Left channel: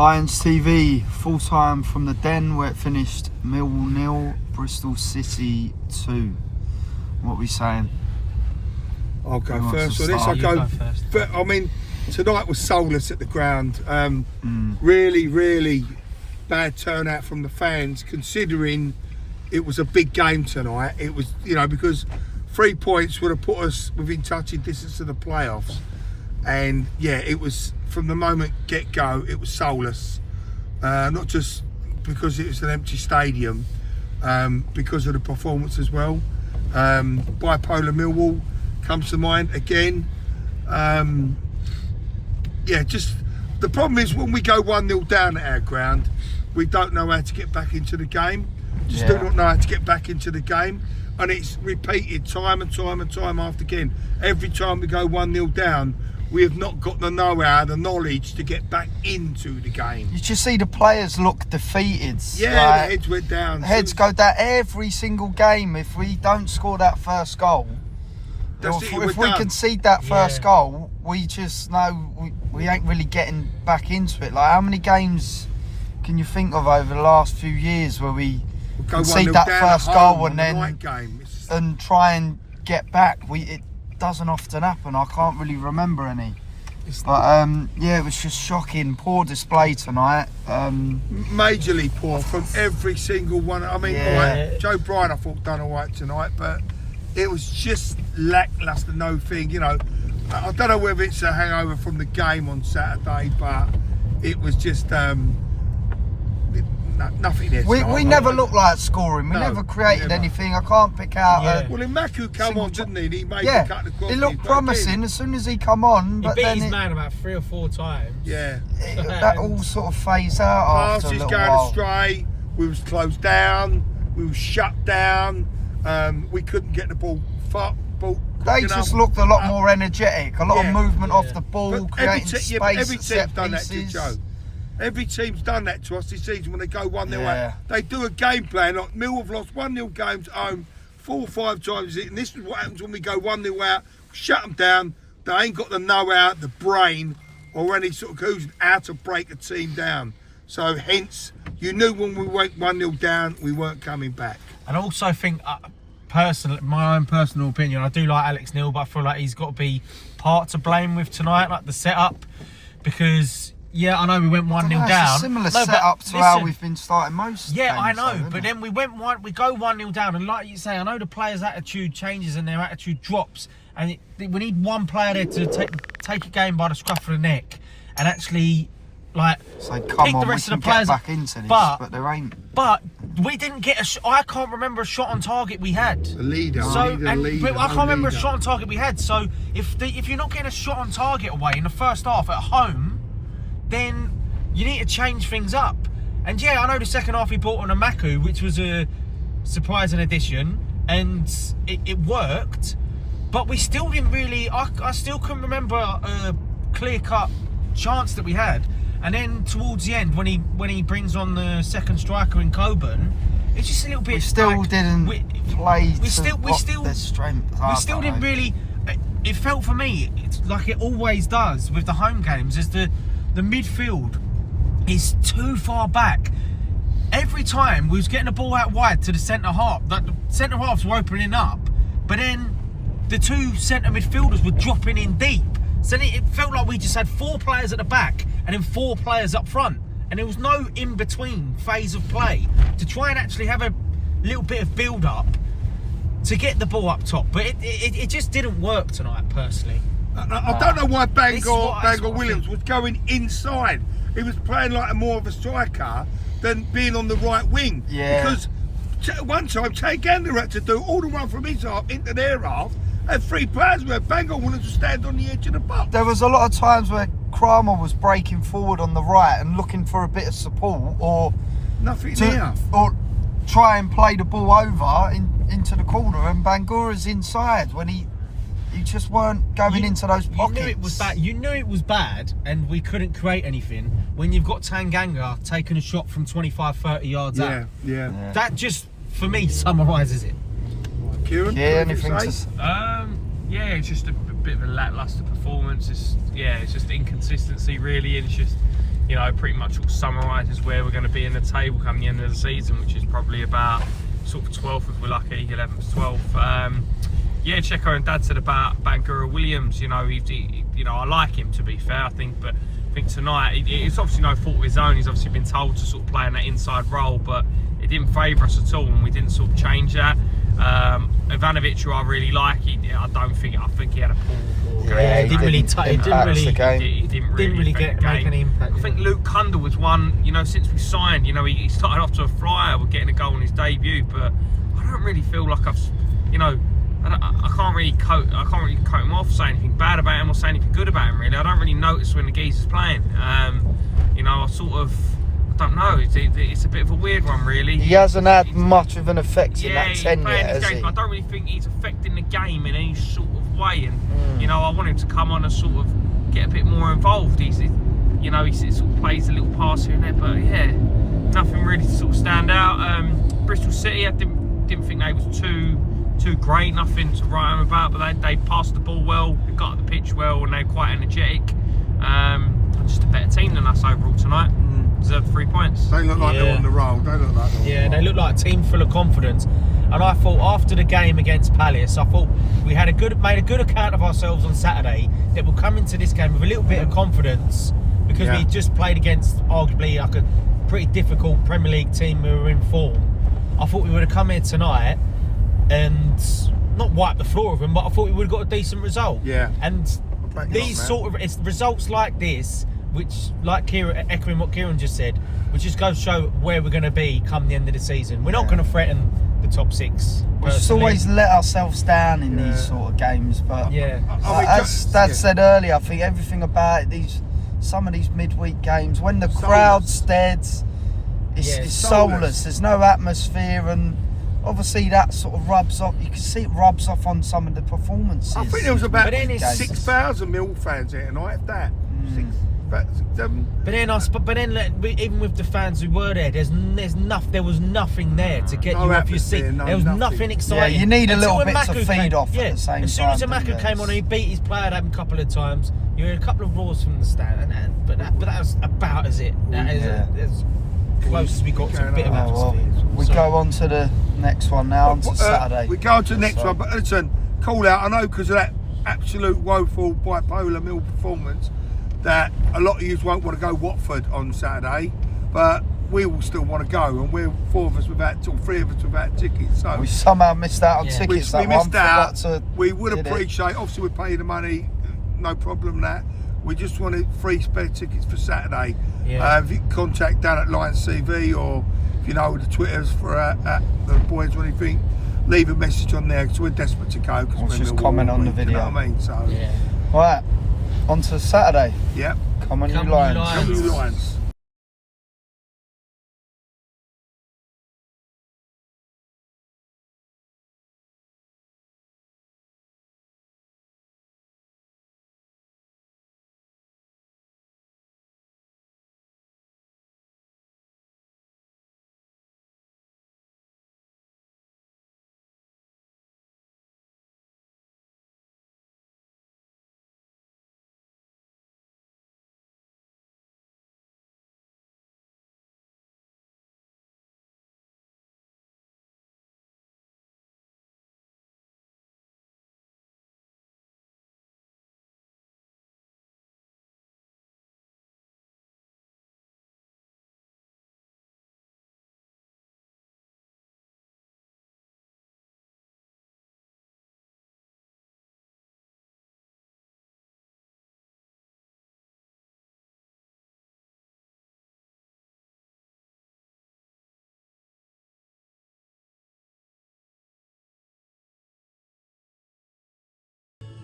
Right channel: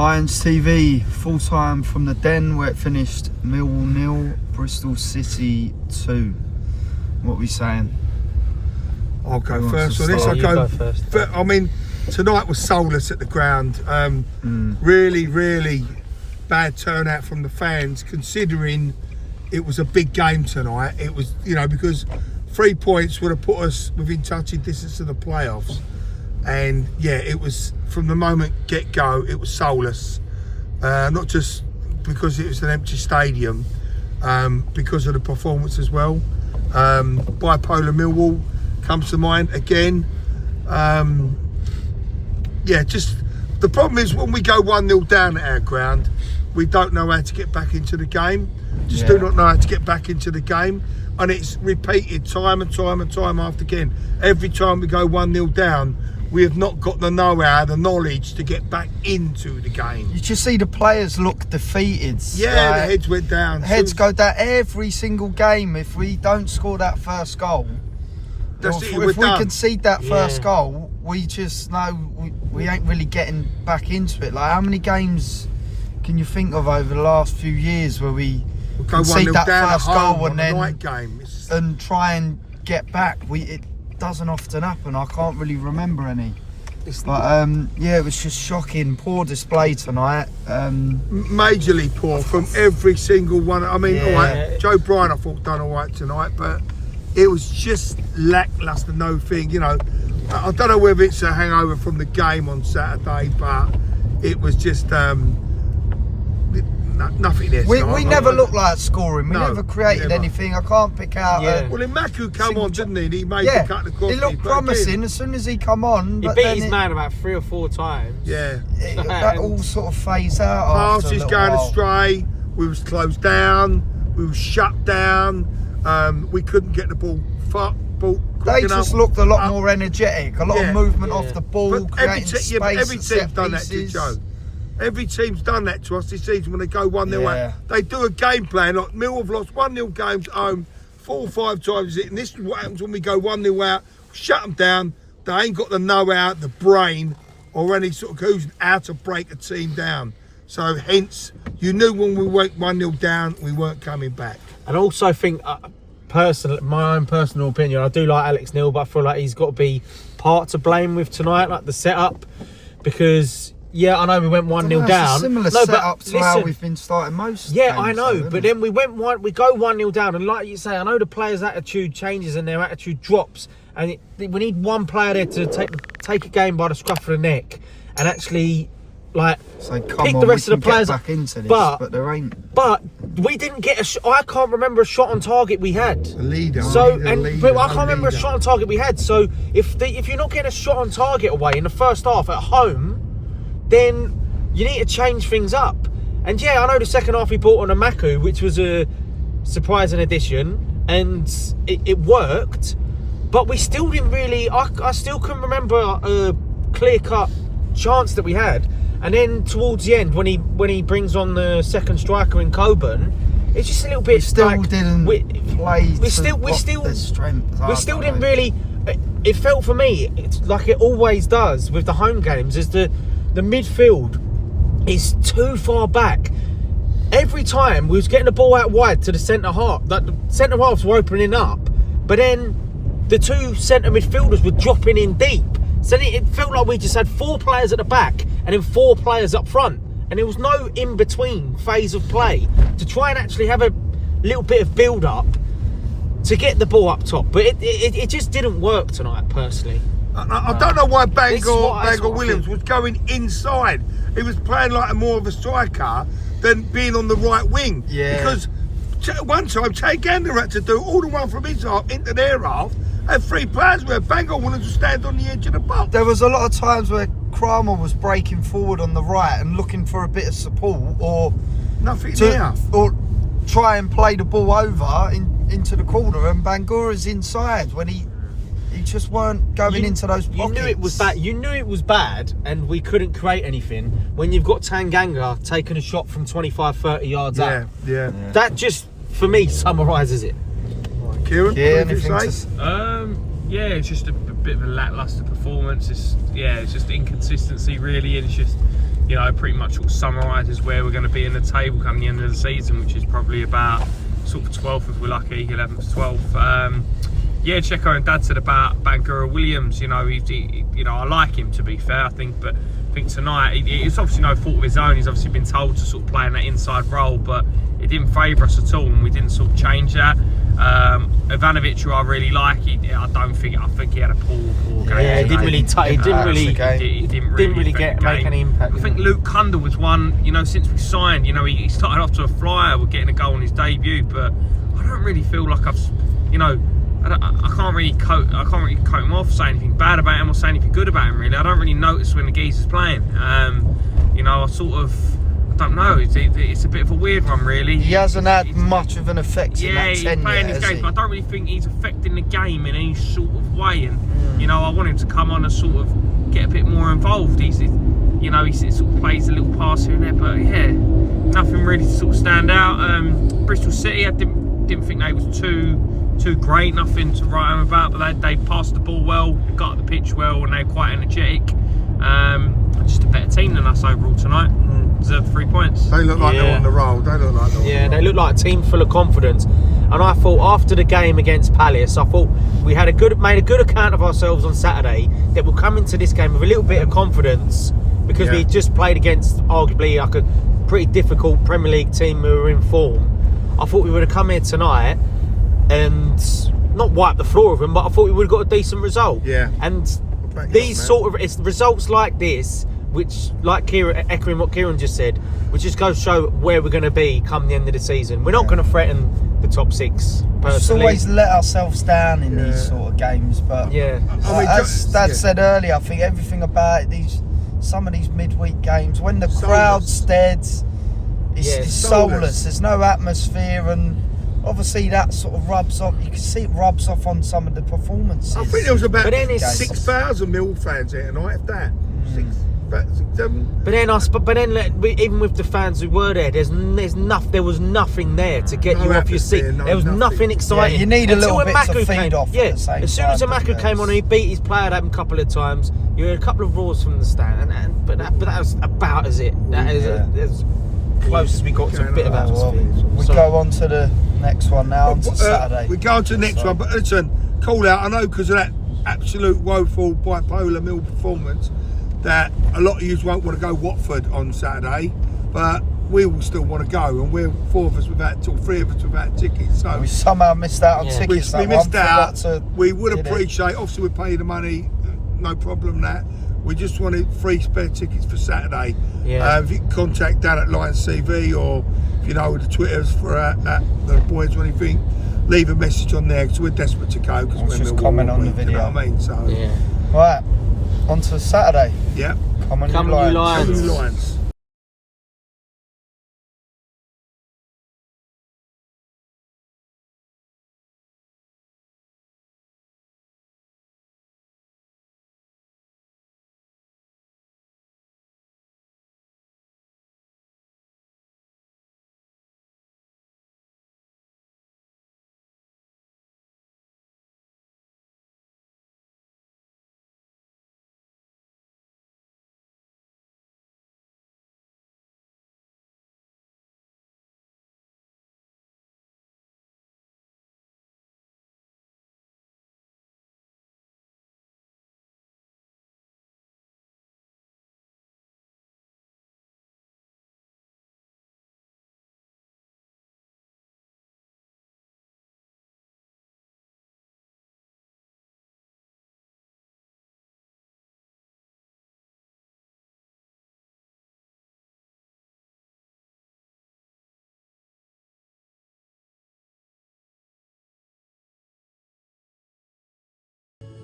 Lions TV, full time from the Den where it finished Millwall 0, Bristol City 2. What are we saying? I'll go first on this. I'll go first. I mean, tonight was soulless at the ground. Really, really bad turnout from the fans, considering it was a big game tonight. It was, because 3 points would have put us within touching distance of the playoffs. And yeah, it was from the moment get-go, it was soulless. Not just because it was an empty stadium, because of the performance as well. Bipolar Millwall comes to mind again. Just the problem is when we go 1-0 down at our ground, we don't know how to get back into the game. Do not know how to get back into the game. And it's repeated time and time and time after again. Every time we go 1-0 down, we have not got the know-how, the knowledge to get back into the game. Did you see the players look defeated? Yeah, the heads went down. Heads go down every single game. If we don't score that first goal, if we concede that first goal, we just know we ain't really getting back into it. Like, how many games can you think of over the last few years where we concede that first goal and then and try and get back? It doesn't often happen. I can't really remember any. But it was just shocking. Poor display tonight. Majorly poor from every single one. I mean, all right, Joe Bryan I thought done all right tonight, but it was just lacklustre, no thing. I don't know whether it's a hangover from the game on Saturday, but it was just nothing there. We never looked like scoring. We never created anything. I can't pick out. Well, in Maku come on, didn't he? He made the cut of coffee. It looked promising as soon as he come on. He beat his man about 3 or 4 times. Yeah. That all sort of phased out. Passes going astray. We was closed down. We was shut down. We couldn't get the ball. They just looked a lot more energetic. A lot of movement off the ball, creating space. Every team's done that to Joe. Every team's done that to us this season when they go 1-0 out. They do a game plan. Like Millwall have lost 1-0 games at home 4 or 5 times. And this is what happens when we go 1-0 out. Shut them down. They ain't got the know-how, the brain, or any sort of cohesion how to break a team down. So hence, you knew when we went 1-0 down, we weren't coming back. And I also think, my own personal opinion, I do like Alex Neil, but I feel like he's got to be part to blame with tonight, like the setup, because I know we went 1-0 down. It's a similar setup to how we've been starting most. Yeah, I know, but then we go 1-0 down, and like you say, I know the players' attitude changes and their attitude drops, and we need one player there to take a game by the scruff of the neck and actually pick the rest of the players back into this, but there ain't. But we didn't get a shot. I can't remember a shot on target we had. A leader. But I can't remember a shot on target we had. So if you're not getting a shot on target away in the first half at home, then you need to change things up. And I know the second half we brought on a Maku, which was a surprising addition, and it worked. But we still didn't really. I still couldn't remember a clear-cut chance that we had. And then towards the end, when he brings on the second striker in Coburn, it's just a little bit. We still didn't play. We still didn't really. It felt for me, it's like it always does with the home games, is the midfield is too far back. Every time we was getting the ball out wide to the centre half, like the centre halves were opening up, but then the 2 centre midfielders were dropping in deep. So it felt like we just had 4 players at the back and then 4 players up front. And there was no in-between phase of play to try and actually have a little bit of build-up to get the ball up top. But it just didn't work tonight, personally. I don't know why Bangor Williams was going inside. He was playing like more of a striker than being on the right wing. Yeah. Because one time, Che Gander had to do all the run from his half into their half. Had 3 players where Bangor wanted to stand on the edge of the box. There was a lot of times where Kramer was breaking forward on the right and looking for a bit of support, or or try and play the ball over into the corner, and Bangura's inside when he just weren't going into those pockets. You knew it was bad. You knew it was bad, and we couldn't create anything when you've got Tanganga taking a shot from 25, 30 yards out. Yeah. That just, for me, summarises it. Kieran, anything to say? It's just a bit of a lacklustre performance. It's just inconsistency really, and it's just you know, pretty much sort of summarises where we're going to be in the table come the end of the season, which is probably about sort of 12th if we're lucky, 11th, 12th. Yeah, Checo and Dad said about Bangura Williams. You know, you know, I like him, to be fair. I think tonight it's obviously no fault of his own. He's obviously been told to sort of play in that inside role, but it didn't favour us at all, and we didn't sort of change that. Ivanovic, who I really like, I think he had a poor game. Yeah, he didn't really make any impact. I think Luke Cundall was one, you know, since we signed, you know, he started off to a flyer with getting a goal on his debut, but I don't really feel like you know, I can't really coat him off, say anything bad about him or say anything good about him, really. I don't really notice when the geezer's playing. You know, I don't know. It's a bit of a weird one, really. He hasn't had much of an effect in that 10 he's playing his games, but I don't really think he's affecting the game in any sort of way. And you know, I want him to come on and sort of get a bit more involved. You know, he sort of plays a little pass here and there, but yeah, nothing really to sort of stand out. Bristol City, I didn't think they was too great, nothing to write home about, but they passed the ball well, got the pitch well, and they're quite energetic. Just a better team than us overall tonight. Deserve 3 points. They look like they're on the roll. They look like they look like a team full of confidence. And I thought after the game against Palace, I thought we had made a good account of ourselves on Saturday, that we'll come into this game with a little bit of confidence, because we just played against arguably like a pretty difficult Premier League team who were in form. I thought we would have come here tonight and not wipe the floor with them, but I thought we would have got a decent result. Yeah. And these it's results like this, which, like Kieran, echoing what Kieran just said, which just goes to show where we're going to be come the end of the season. We're not going to threaten the top 6. We just always let ourselves down in these sort of games, but I mean, as Dad said earlier, I think everything about it, some of these midweek games, when the crowd's dead, it's soulless. There's no atmosphere, and obviously that sort of rubs off. You can see it rubs off on some of the performances. I think there was about 6,000 Millwall fans here tonight, if that. But then, even with the fans who were there, there was nothing there to get you off your seat. There was nothing exciting. Yeah, you need a little bit to feed off. At the same time. As soon as Amaku came on and he beat his player a couple of times, you had a couple of roars from the stand, but that was about as it. That is as close as we got to a bit of atmosphere. We go on to the next one now, on to Saturday. We go on to the next one, but listen, call out. I know because of that absolute woeful bipolar Mill performance, that a lot of you won't want to go Watford on Saturday, but we will still want to go, and we're 3 of us without tickets. So we somehow missed out on tickets. We missed out. We would appreciate. Obviously, we pay the money, no problem. That we just wanted 3 spare tickets for Saturday. If you can contact Dan at Lions CV, or if you know the Twitters for the boys or anything, leave a message on there, because we're desperate to go. We'll just comment on the video. You know what I mean? So right. On to Saturday. Yeah. Come on, you Lions. Come on, you Lions.